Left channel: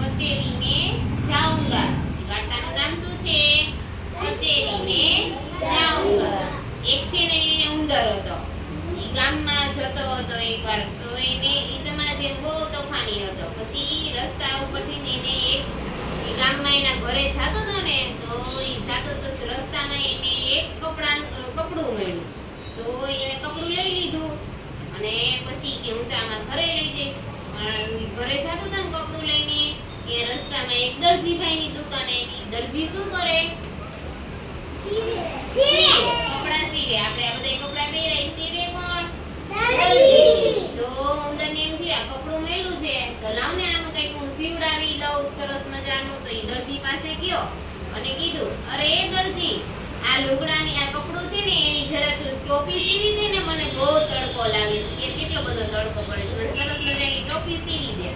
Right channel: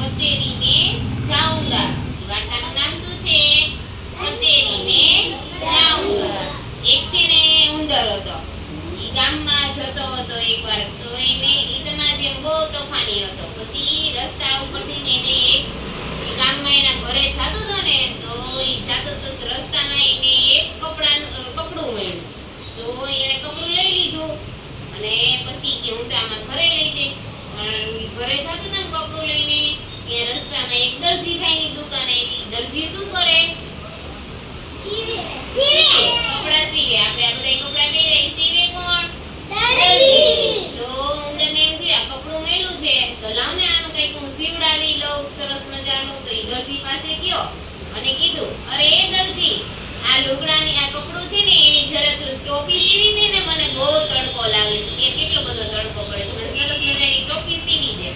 કચેરી જાઉંગા. વાર્તાનું નામ શું છે? કચેરી જાઉંગા. એક છે ને ઉંદર હતો. એ ગામમાં જતો હતો એકવાર. તો એને ઈદમાં જેમ બહુ તોફાની હતો. પછી રસ્તા ઉપરથી એને એક ગામમાં એના ઘરે જતો હતો ને, તો એ જતો તો રસ્તામાં એને એક કપડા કપડું મળ્યું. તો એણે કપડું લઈ લીધું. અને પછી કે હું તો આમાં ઘરે લઈ જઈશ. પણ ઘરે જતો હતો ને કપડું લઈને ત્યાં રસ્તામાં એક દરજીભાઈની દુકાન આવી. દરજી શું કરે? સીવે. સીવે. આપણે આ બધા કપડા પહેરાય સીવે કોણ? તો ઉંદરને એમ થયું આ કપડું મેલું છે. તો લાવ ને આનું કંઈક હું સીવડાવી લઉં. સરસ મજાનું. તો એ દરજી પાસે ગયો અને કીધું અરે એ દરજી આ લુગડાની આ કપડું છે ને એની જરા તું ટોપી સીવી દે ને મને બહુ તડકો લાગે છે. કે કેટલો બધો તડકો પડે છે. મને સરસ મજાની ટોપી સીવી દે.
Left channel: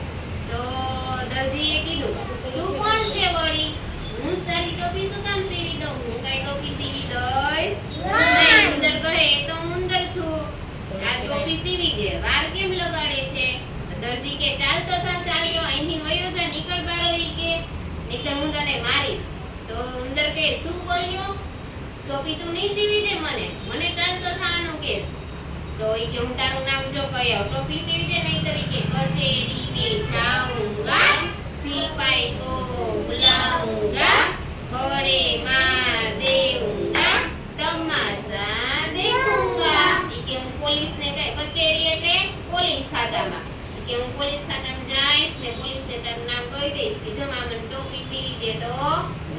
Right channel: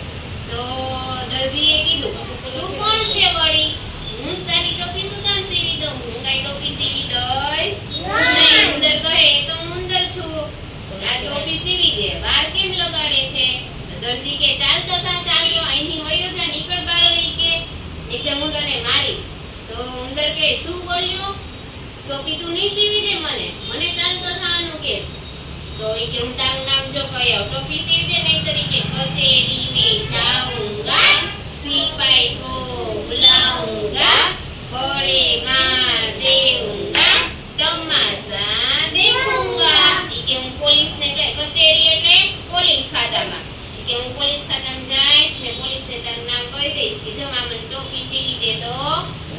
તો અંકલજીએ કીધું તું કોણ છે વળી? હું તારી ટોપી શું કામ સીવી દઉં? હું તારી ટોપી સીવી દઈશ? નહીં ઉંદર કહે તો ઉંદર છું. આ ટોપી સીવી દે. વાર કેમ લગાડે છે? દરજી કે ચાલતો થા ચાલતો. અહીંથી વયો જા નીકળ બારો ઈ કે. નીકળ હું તને મારીશ. તો ઉંદર કે શું બોલ્યો? ટોપી તું નહીં સીવી દે મને? મને ચાલતો થવાનું કેસ. તો એ કે હું તારું નામ જો કહ્યો ટોપી સીવી દે નહીં તરીકે કચેરી ને જાઉં. सिपाही को बुलाऊंगा बड़े मार देऊंगा તમાશા દેખુંગા ઈ કે હું પોલીસને કહે કચેરી એટલે પોલીસ ખાતામાં ઈ કે હું પોલીસ ખાતામાં જઈશ ને પોલીસને તારું નામ કહી દઈશ કે જો મામા મને ટોપી સીવી દે તો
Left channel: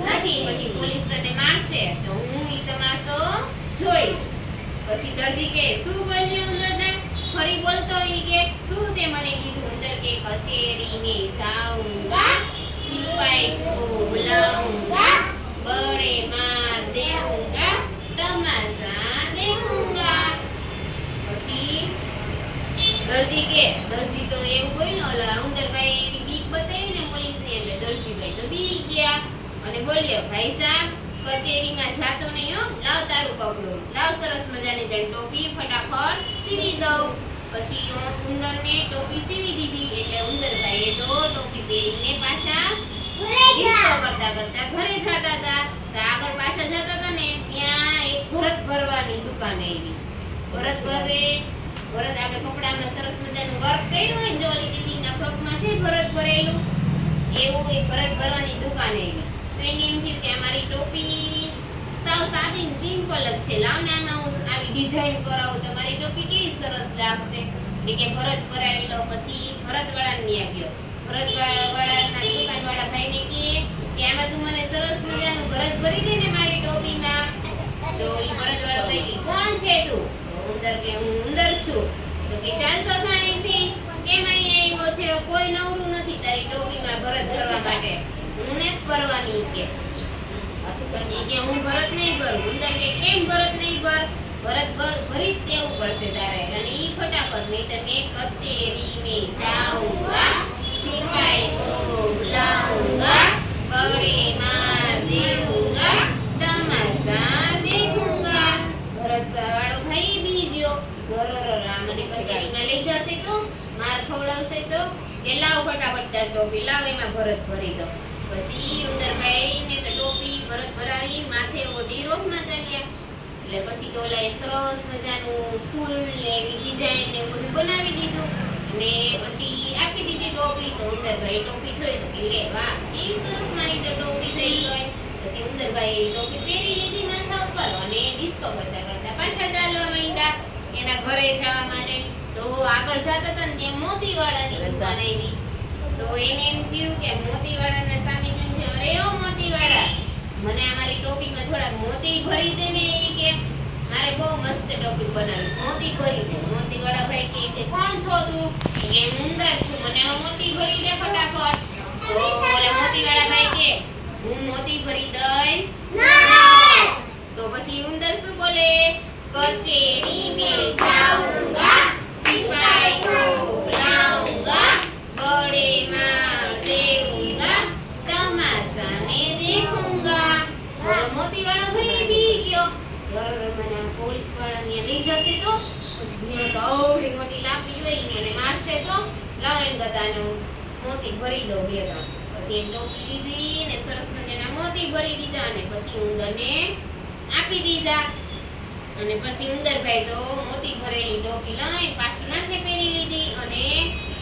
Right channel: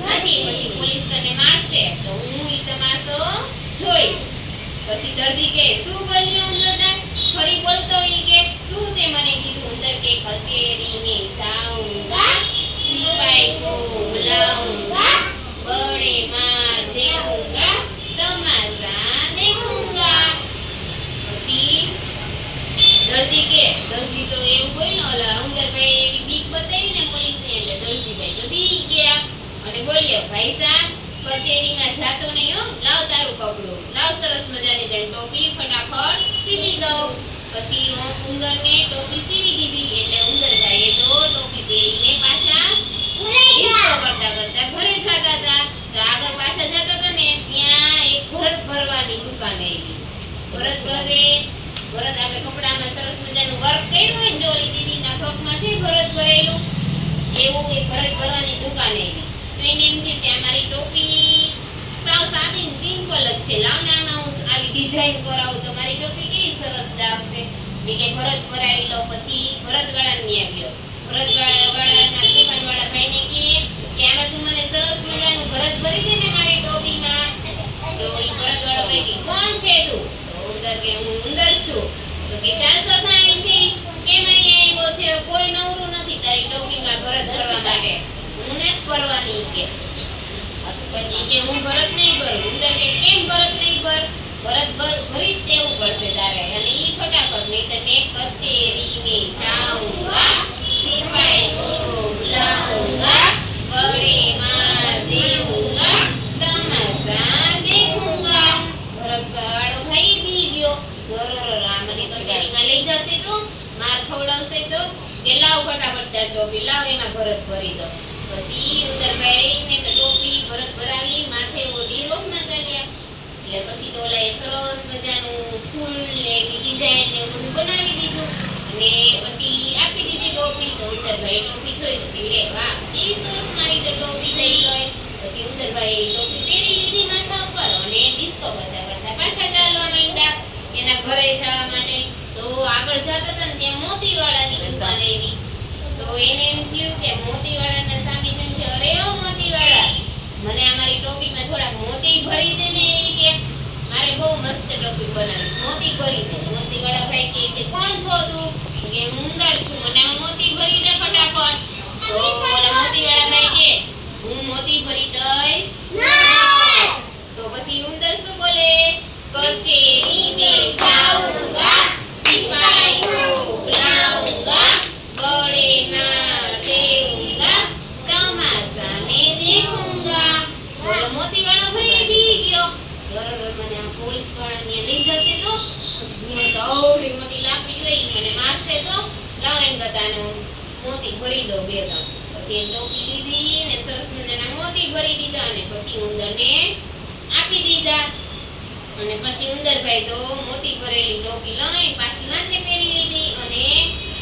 નથી પછી પોલીસ તને મારશે તો હું ઈ તમાશો જોઈશ પછી દરજી કે શું બોલ્યો ઉંદરડા ફરી બોલતો ઈ કે શું તે મને કીધું? અંદર કે કચેરી મે જાઉંગા, સિપાઈ કો બુલાઉંગા બડે માર દેઉંગા તમાસા દેખુંગા. પછી દરજી કે, દરજી તો એવું બોલ્યો એટલે ઉંદરભાઈ એવી બીક બતાવી ને. પોલીસને એટલે દરજી ભાઈ તો બી ગયા. અને બોલ્યો, ભાઈ સાહેબ કચેરીમાં જાતો નહીં હો. લાવ તારું કપડું. લાવ સરસ મજાની તને ટોપી, ફટાફટ સીવી દઉં. પછી ઉંદરને ટોપી સીવી દીધી એટલે ઉંદરભાઈએ તો ટોપી પહેરીને પાછા કરતા કરતા ઘરે જતા હતા. તો આગળ પાછા જતા હતા ને ત્યાં એક ભરત ભરવાની દુકાન આવી. ભરત ભરે ભરત આપણે કપડામાં સરસ મજાનું વર્ક કર્યું હોય ને જોલી દીદીના ફ્રોકમાં છે ભરત ભરેલું. એવું એ ભરત ભરવાની દુકાન આવી. તો એને એમ થયું કે અમારી મારી ટોપી સાવ સાદી સિમ્પલ જ છે. લાવ આમાં હું આવી ડિઝાઇન કરાવું તો ટોપી કેવી સરસ લાગશે? એ કે ભરત ભરાવી લઉં પછી ભરત વાળા ત્યાં આવ્યો ભરત વાળા વાળાના દુકાન વાળા ભાઈને કહે કે આમાં તું મને સરસ મજાનું ભરત ભરી દે ને મારી ટોપીમાં. તો એ ભરત વાળો ભાઈ કે, કોણ છે તું? તો ઉંદર કે, હું ઉંદર છું. તો કે, ચાલ તો અહીંથી. કેમ અહીંયા આવ્યો છે? કોઈ નવરું નથી તારી ટોપીમાં ભરત ભરવા માટે. હું ને જ ભરવાની. કે ધનજી કે હું ભરત નહીં ભરું, ઉંદર કે કેમ ભરત નહીં ભર? ભરત ભર ભરી જ દેવું પડશે તારે. અને ઈ ફટાફટ નહીં તો કે કચેરી મે જાઉંગા, સિપાઈ કો બુલાઉંગા માર દેઉંગા તમાસા દેખુંગા. ભરત વાળો ભાઈ બી ગયો. ગરર રામને કચેરીમાં લઈ જશે તો, માર ખવડાવશે તો. કે લાવ ફટાફટ તાર ટોપી, લાવ, એમાં ભરત ભરી દો. પછી ઉંદર ભાઈ ને તો ટોપી ઓલા સરસ મજાનું ફૂલ ને એવી ડિઝાઇન ને બધું બનાવી દીધું. અને પછી આપી દીધી ટોપી તો ઉંદરભાઈ ટોપી જોઈ તો કે વાહ કેવી સરસ મારી તો ટોપી થઈ ગઈ. પછી ઉંદરભાઈ ટોપી પહેરી લીધી માથા ઉપર અને ડિસ્કો કરતા કરતા પાછા ચાલવા માંડ્યા એના ઘરે જવા માટે. તો આગળ જતા હતા ને ત્યાં મોતીવાળાની દુકાન આવી. તો એને એમ થયું કે મોતીવાળાના સામે જોઈને અરે ઓ મોતીવાળા મને અમારી ટોપીમાં થોડા મોતી ભરી દે ને એ કે મારે બહુ મસ્ત ટોપી બનાવીશ મોતી ભરી દે મોતી વાળા ભાઈ કે કોણ છો તું? કે હું ઉંદર છું. મને આમાં મોતી ભરી દે ફટાફટ. તો ઓલા મોતી વાળા ભાઈ કે હું મોતી ભરી દઈશ. તો પછી ઉંદર શું બોલે? કચેરી મેં જાઉંગા જશે તો? પછી મોટી લાકડી હોય મને મારશે તો? લાવ એમ ગતાને હું. મોતી ભરી દઉં બે ત્રણ પછી એ ટોપી લીધી ને સરસ મજાના મોતી ભરી દીધા અને પછી ઉંદરને આપી દીધા. અને પછી ઉંદરભાઈ તો મોતી ભરેલી ટોપી લઈને પાછી લાઠે પહેરી લીધી અને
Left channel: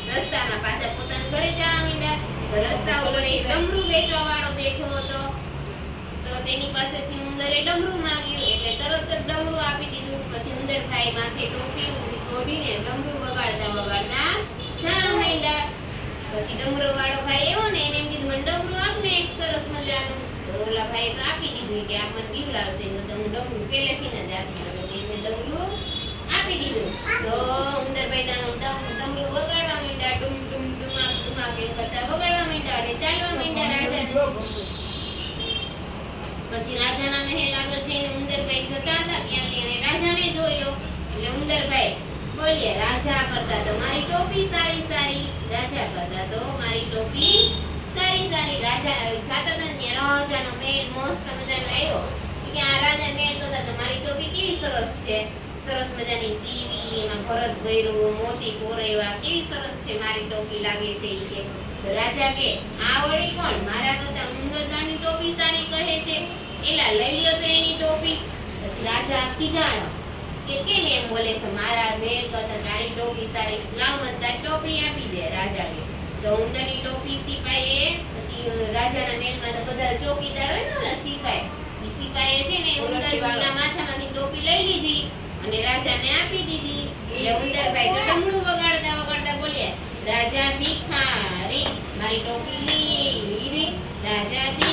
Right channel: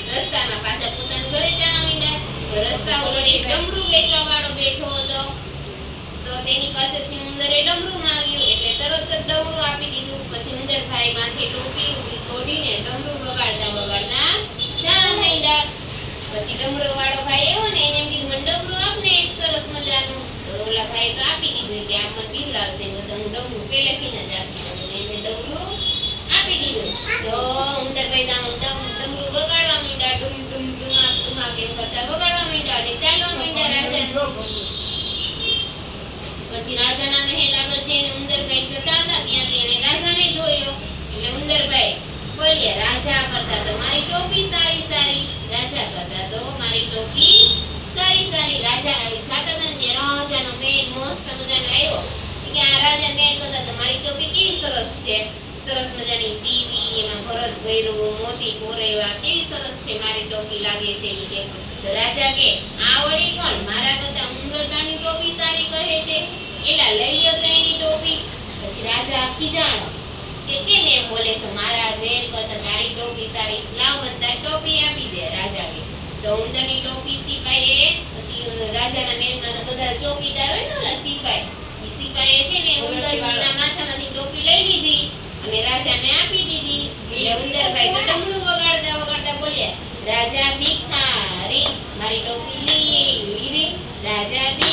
રસ્તામાં પાછા પોતાના ઘરે જવા માંડ્યા રસ્તા ઉપર એક ડમરું વેચવા વાળો બેઠો હતો. તો તેની પાસેથી ઉંદરે ડમરું માંગ્યું એટલે તરત જ ડમરું આપી દીધું. પછી ઉંદરભાઈ માથે ટોપી ઓઢીને ડમરું વગાડતા વગાડતા જવા માંડ્યા પછી ડમરો વાળો ભાઈ એવો ને એને એમ કીધું, મને ડમરું આપને એક સરસ મજાનું. ઓલા ભાઈ તો આપી દીધું કે આ મને પીવડાવશે તો હું ડમરું પહેલેથી જ આપી એને ડમરું આપી દીધું. તો ઉંદરભાઈ તો ડમરું વગાડવા માંડ્યા. ડુમ ડુમ ડુમા ડુમા કેમ કરતા વગાડવા માંડ્યા અને ચાલવા માંડ્યા રાજા પછી રાજાના મહેલ આગળ જઈને ઉંદરભાઈ જતા હતા, ત્યાં તેણે રાજાને જોયો. એટલે ઉંદરભાઈ બોલ્યા, રાજા કરતા તો મારી ટોપી સારી સારી, રાજા કરતા તો મારી ટોપી સારી સારી. રાજા જાતા હતા ને રાજાનો મેળ મસ્ત મજાનો આવ્યો. કે આ રાજા મેળ કરતા તો મારી ટોપી કેવી સરસ છે? સરસ મજાની સીવી, એમાં ભરત ભૈરવો, મોતી પોરેવા કેવી સરસ છે મારી ટોપી લાગે છે ઈ કે. તો રાજા કે, આ વળી કોણ? મારા કરતા ઉંદરડાની ટોપી સારી કહે છે. એલા લઈ લ્યો તો એની ટોપી. પછી રાજા ખીજાણો કે કેમ એમ બોલે છો મારા વેલ કરતા તારી ટોપી સારી. લાવ બધા ટોપી આપી દે રાજા કે તો ઉંદરની ટોપી સિપાઈએ પછી રાજાના મેલમાં તો બધા ચોકીદાર હોય ને સિપાઈ. એ સિપાઈએ છે ને ઉંદરના માથામાંથી ટોપી લઈ લીધી અને રાજાને આપી દીધી. એટલે ઉંદરભાઈ તો ડમડું વગાડતા વગાડતા બોલ્યા રાજા ભિખારી મારી ટોપી લઈ લીધી. રાજા ભિખારી